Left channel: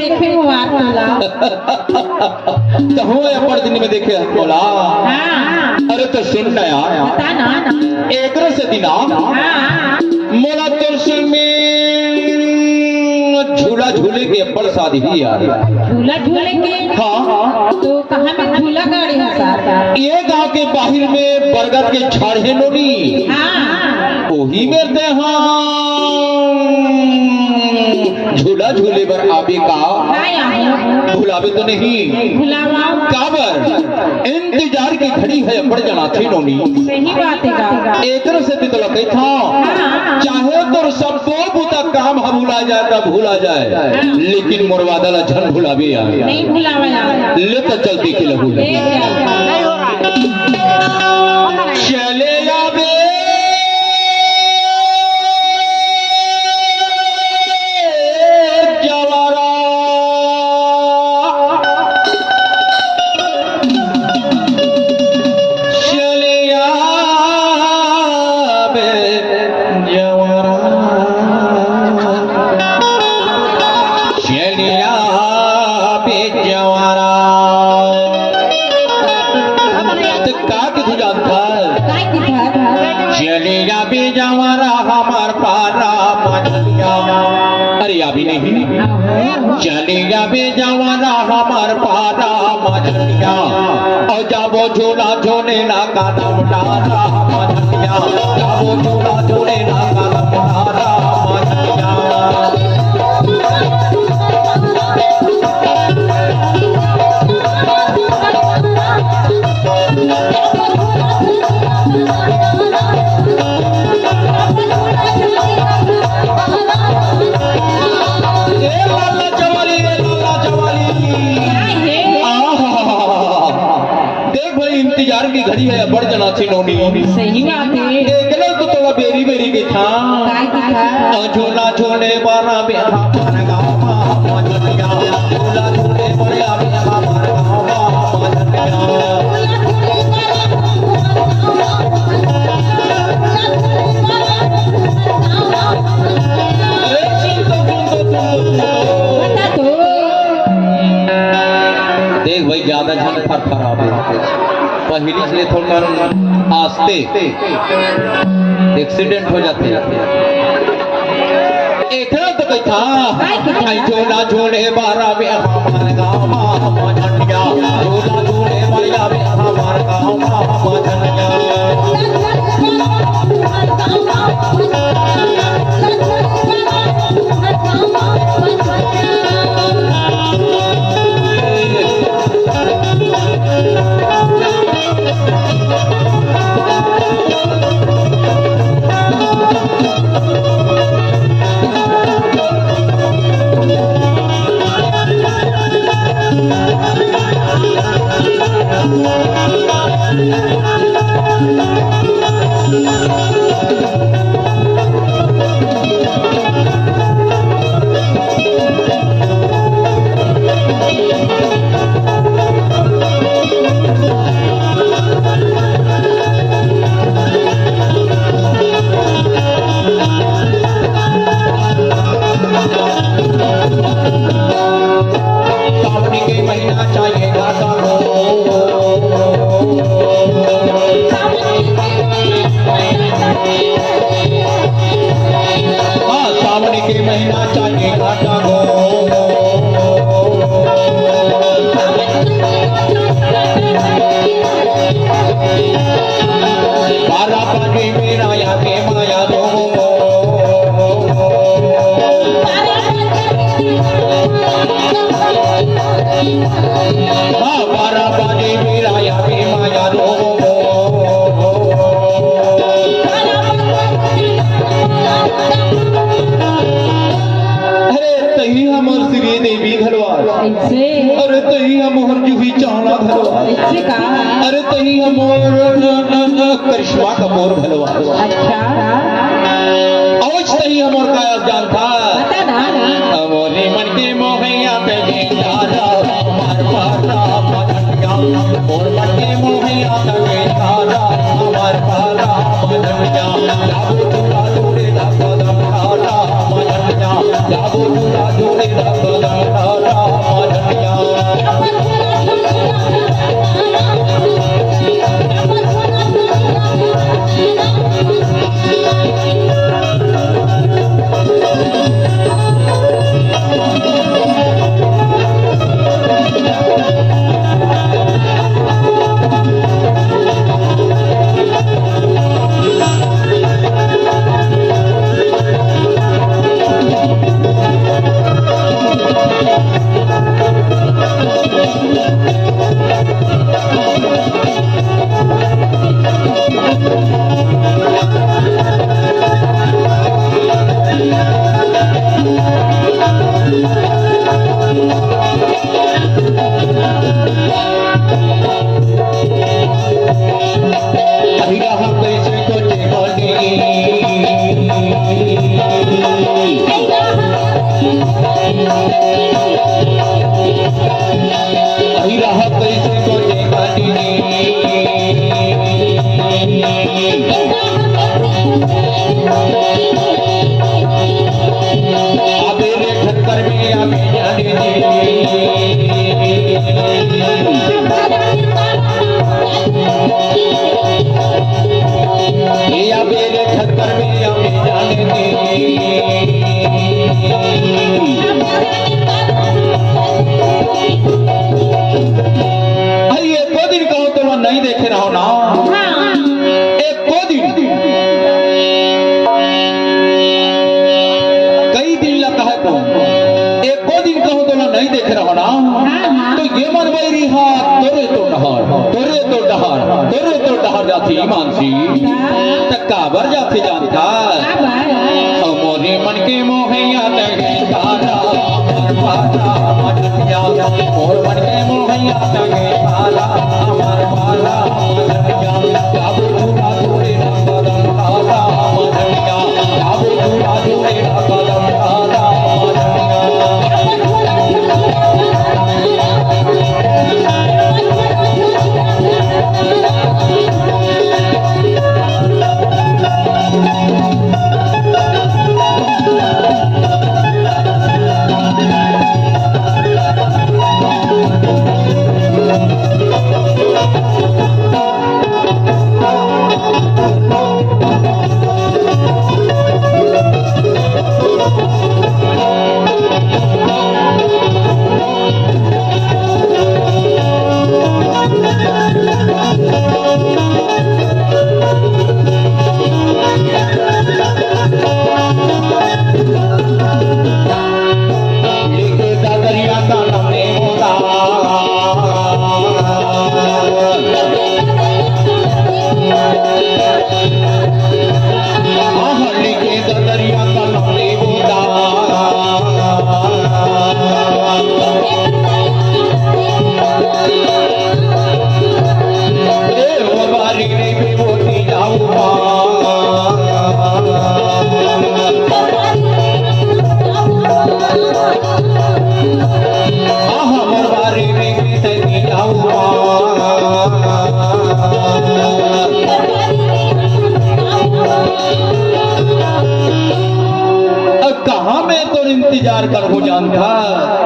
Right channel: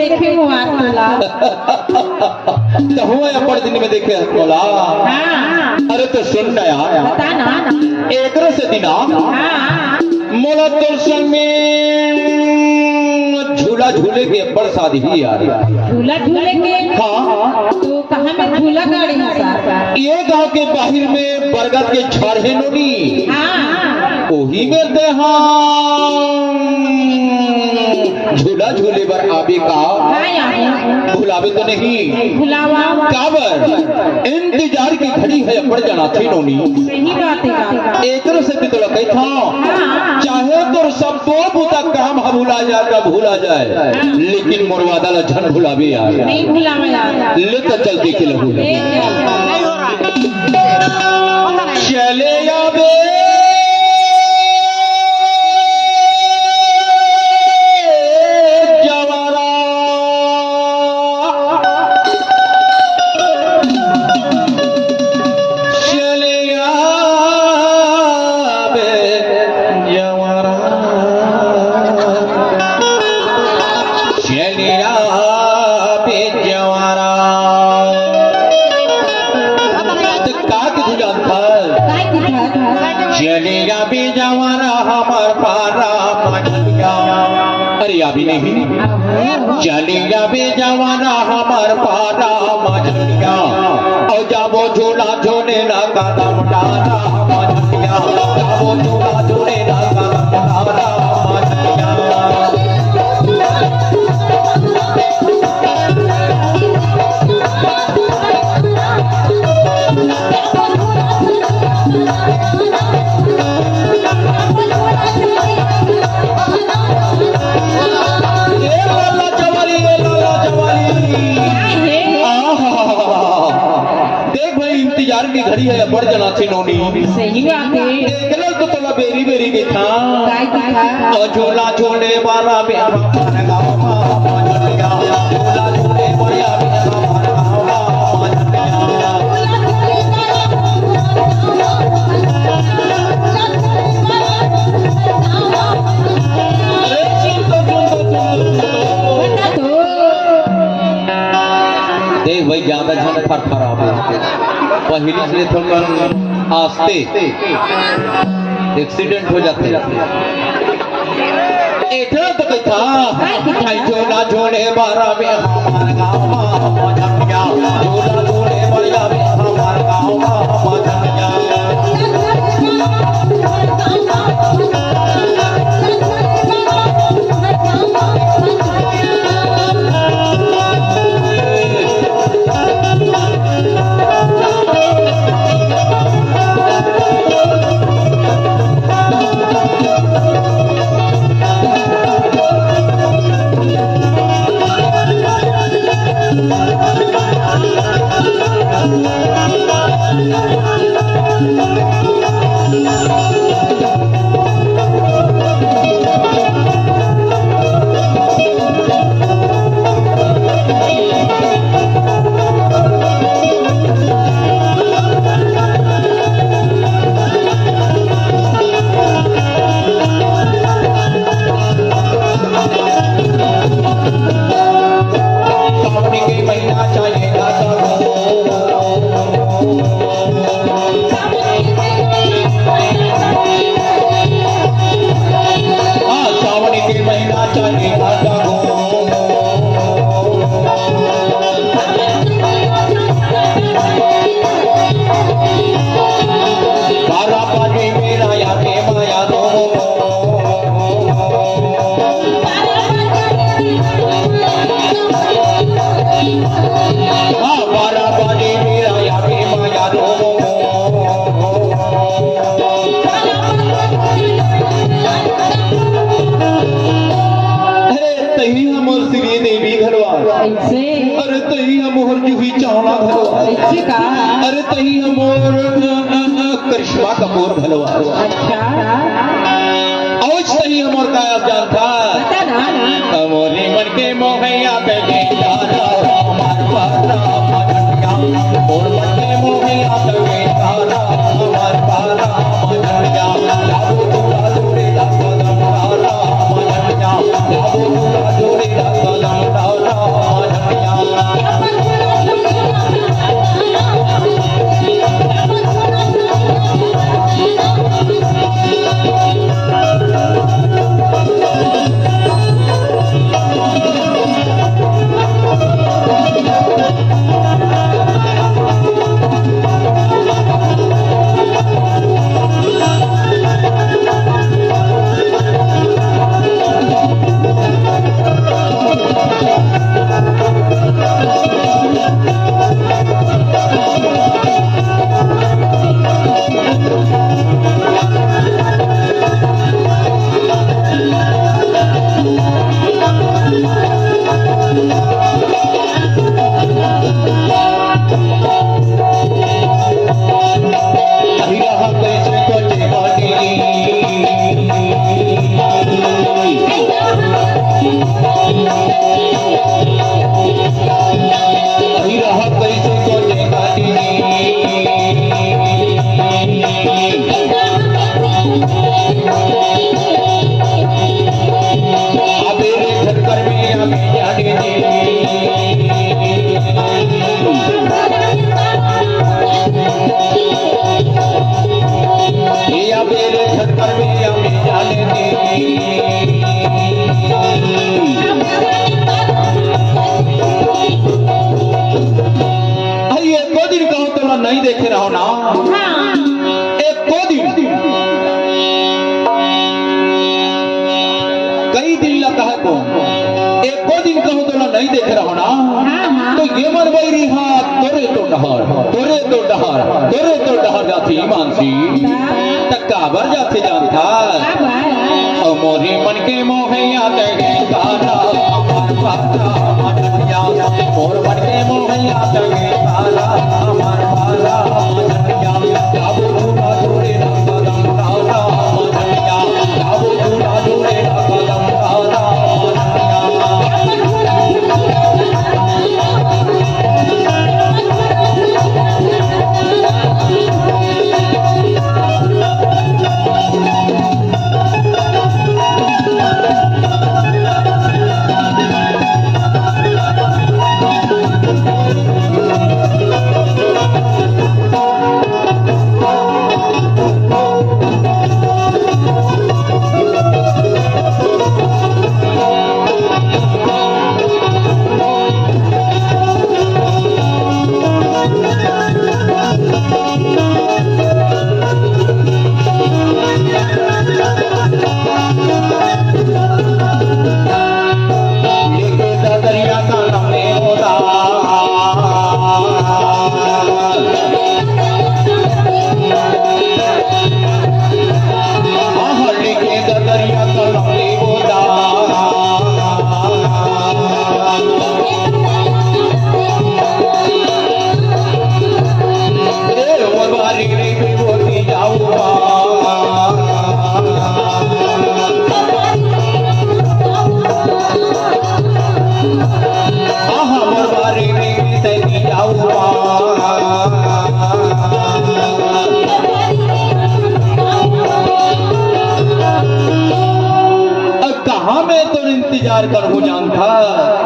देखे हो आतोला तो हो अपन दिन में देखे आतोला। हां अरे तो सुन ना यार, बता ना एक से दिना हां मोला तो में झूला झूले के अपन शादी भी यार। झूला झूले के? हाँ तो कहां में झूला गाड़ी है? ये गांव के बाहर में बरगद के झाड़ है नोनी। हां वही में ते हाँ झूला झूले पर आबे का भुलावे तो नहीं भुलावा काबर इंतजार की घड़ी है बढ़ जाना थी नोनी। सही बात है एक से तो लगे था चाहे तो सब तो बुता काम भूला जाता भूला जाए, लेकिन मोरवादा ला झन भुलावे यार नहीं भुलावा यार। ले तो चलती के लगू चले आवे अभी नहीं चलेगा बेजवाना हमार पारा मजलिया और जाबो झूला झूले ना कदम डाला मजलिया, जाबो झूला झूले ना कदम डाला मजलिया। इंतजार की घड़ी है बढ़ जाना थी नोनी। सही बात है। देखलो तो थोड़ा बेरी बेरी के था झूला झूले वाला बेहा मन गाँव मजलिया, झूला झूले वाला बेहा मन गाँव मजलिया। देख भाई ज्यादा झन फरफरावे पहली से थोड़ा आस्ते एक्सीडेंट हो जाते एक तो कही था झूला झूले बारा में हमारे गाँव मजलिया, झूला झूले वाला में हमारे गाँव मजलिया। अरे तही मोहर जूही चावना भलवा, अरे तही मोहर करिश्मा कपूर भलवा। अच्छा और सही मोर का जान था मोरी मन के मोहैया पे दादा हमार पारा मजलिया, मोर मन के मोहैया पे दादा हमार पारा मजलिया, जाबो दूला दूरे दा कदम डाला मजलिया, जाबो दूला दूरे दा कदम डाला वही रहा कैसे को देखा अबे रे ठक्कर में हमें जाने दे ये अबे रे ठक्कर में हमें जाने दे नहीं देखे रहो ना एक दो दिन कई दिन लगता है तो एक दो दिन कहो तो ना नहीं देखे रहो ना तो ये मन वही रिहा तोरे तो डहर जाती मानसी तक्का बर जाते जानता मोरे मन के मोहैया तगे तारा मोर मन के मोहैया तगे तारा इंतजार कर हो जानता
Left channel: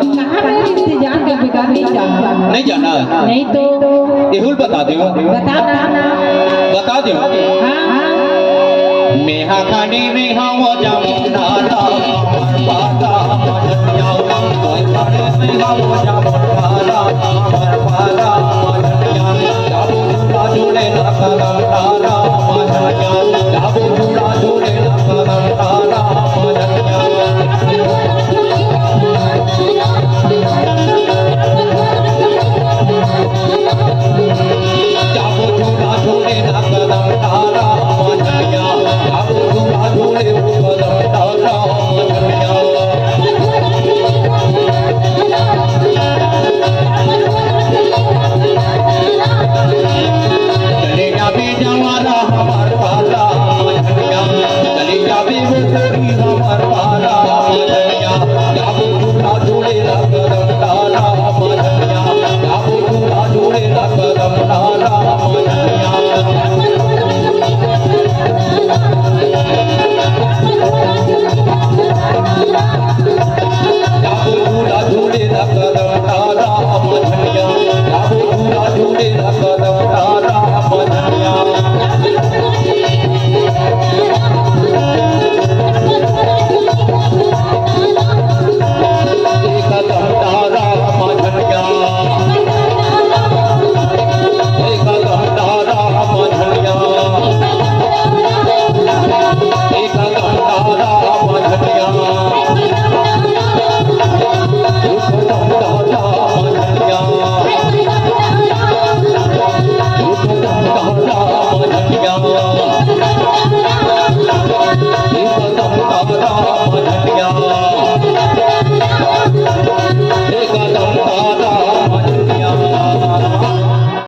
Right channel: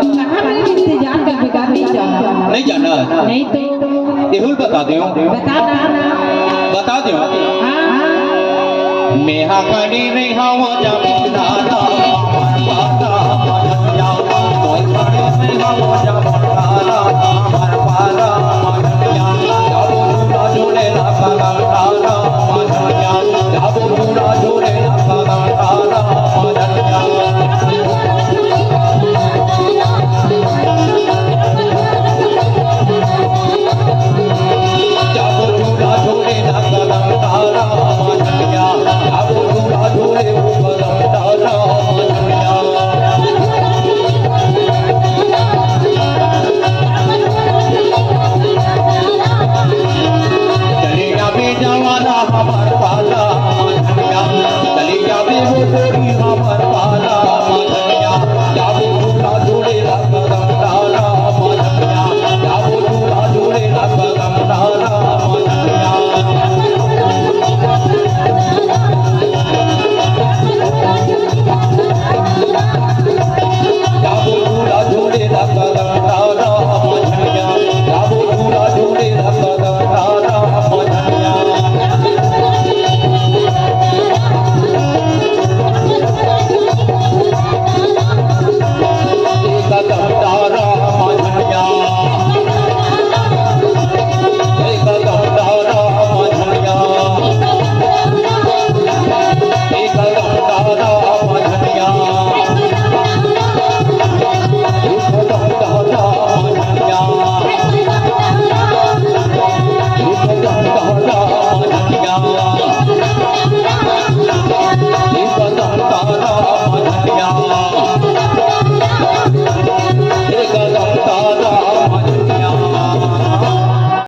इंतजार कर बेकार नहीं जाना नहीं तो एहुल बता दो हाँ। नेहा खाने नहीं हवा जमुना